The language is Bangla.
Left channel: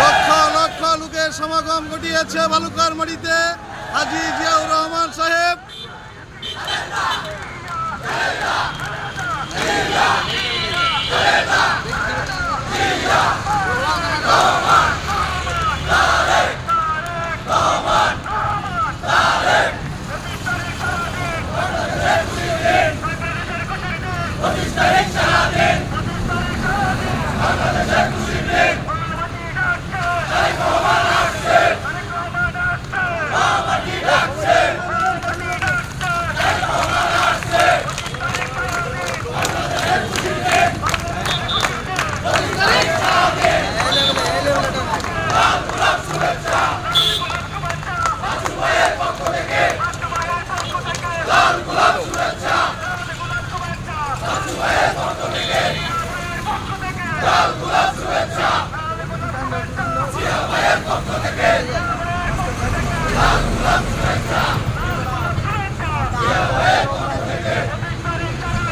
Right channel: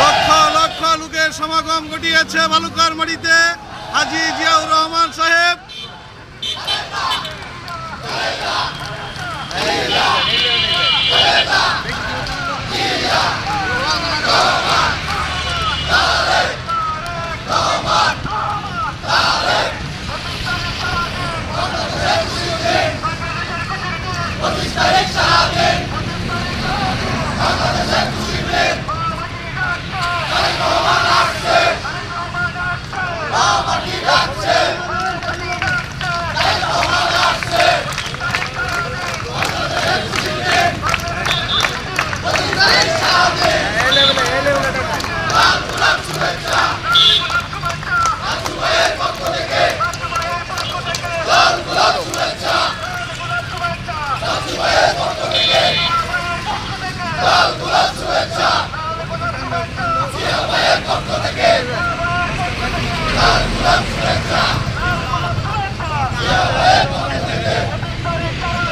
লক্ষ লক্ষ লোকের সমাগম ঘটিয়েছে বালুকার মাটিতে হাজি জিয়াউর রহমান সাহেব। Party থেকে